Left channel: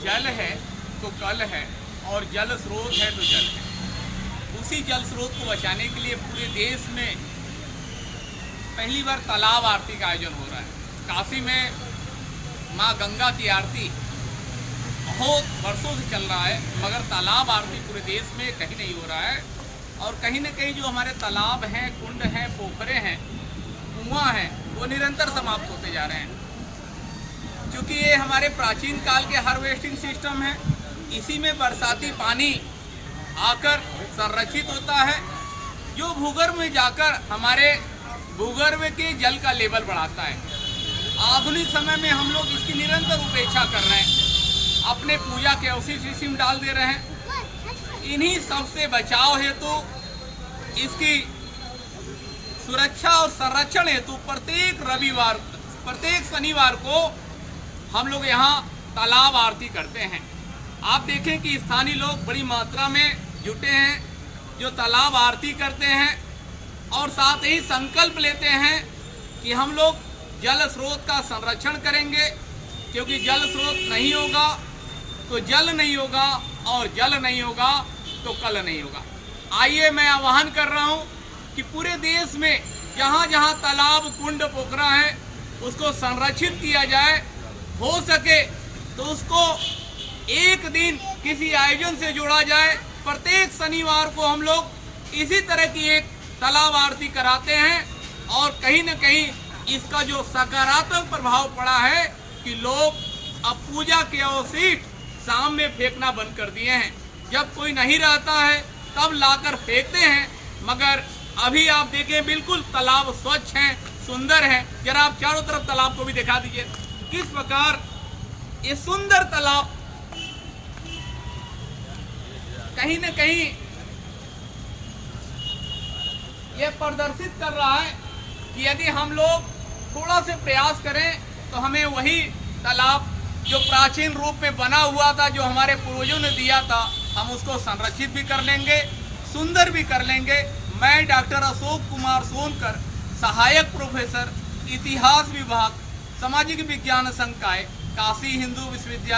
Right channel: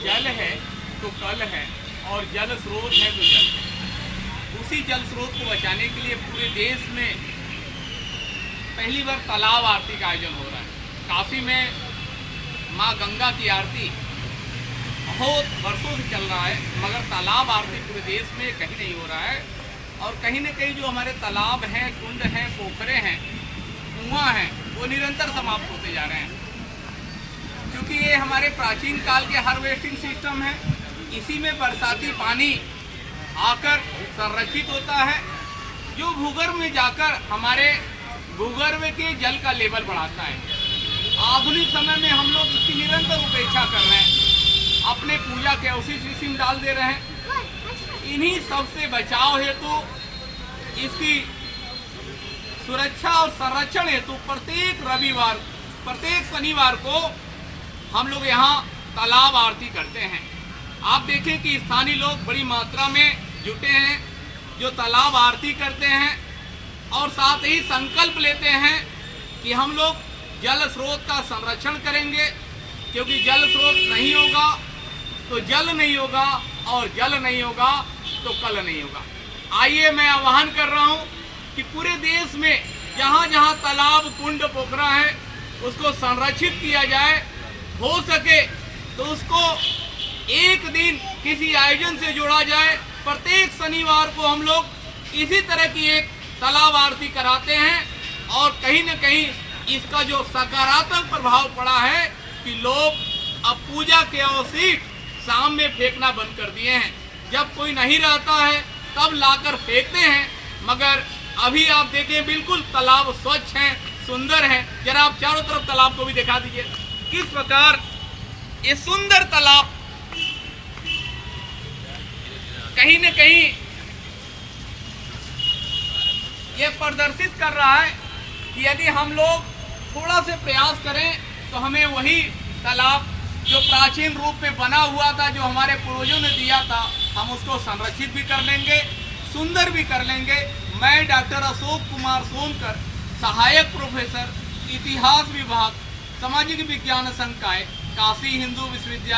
जल है तो कल है और जल स्रोत है तो जल है। उसी जल स्रोत को बचाने के लिए पूरे देश में पहली बार तालाब आरती का आयोजन हो रहा है। काशी में माँ गंगा की आरती बहुत वर्षों से चल रहा है, मगर तालाब आरती पूरे देश में कहीं नहीं हो रहा है। और कहीं न कहीं जो हमारे तालाब हैं, कुंड हैं, पोखरे हैं, कुआं हैं, वो निरंतर समाप्त होते जा रहे हैं, क्योंकि ये हमारे प्राचीन काल के हार्वेस्टिंग सिस्टम है। इसी में बरसाती पानी आकर संरक्षित होता है, जो भूगर्भ में जाकर हमारे भूगर्भ के जल का लेवल बढ़ाता है। आधुनिक समय में हम लोग इसकी निरंतर उपेक्षा कर रहे हैं, अपने पूजा के अवशिष्ट इसी में डाल दे रहे हैं। इन्हीं सबसे बचाव हेतु इसकी सुरक्षा और संरक्षण हेतु प्रत्येक शनिवार को हम लोग यहाँ तालाब आरती करते हैं। आप देखें कि स्थानीय लोग बड़ी मात्रा में जुटे हैं, जो तालाब आरती करते हैं और साथ ही संकल्प लेते हैं कि हम लोग जल स्रोत का संरक्षण करेंगे, क्योंकि जल स्रोत नहीं होगा तो जल नहीं होगा और जल नहीं होगा तो कल नहीं होगा। आइए मैं आह्वान कर रहा हूँ कि पूरे देश में जहाँ जहाँ तालाब, कुंड, पोखरा है उसको संरक्षित किया जाए। हो सके तो उसको एक दिन किसी आयोजन से जोड़ा जाए। प्रत्येक शनिवार को हम लोग इसी तरह की एक तालाब आरती कराते हैं और कहीं न कहीं इसका जो सकारात्मक प्रभाव पड़ा है कि लोग अब पूजा के अवशिष्ट शाम में फेंकना बंद कर दिए हैं। जब कोई नहीं रहता है तब लाकर फेंकते हैं, मगर अभी आप देखें बिल्कुल तालाब स्वच्छ हैं, सुंदर हैं। जरा आप चारों तरफ तालाब को भी दिखा दीजिए किस प्रकार ये सुंदर तालाब कहीं न कहीं ये प्रदर्शित कर रहा है कि यदि हम लोग थोड़ा से प्रयास करें तो हमें वही तालाब जो प्राचीन रूप में बना हुआ था, जो हमारे पूर्वजों ने दिया था, हम उसको संरक्षित भी कर लेंगे, सुंदर भी कर लेंगे। मैं डॉक्टर अशोक कुमार सोनकर, सहायक प्रोफेसर, इतिहास विभाग, सामाजिक विज्ञान संकाय, काशी हिंदू विश्वविद्यालय।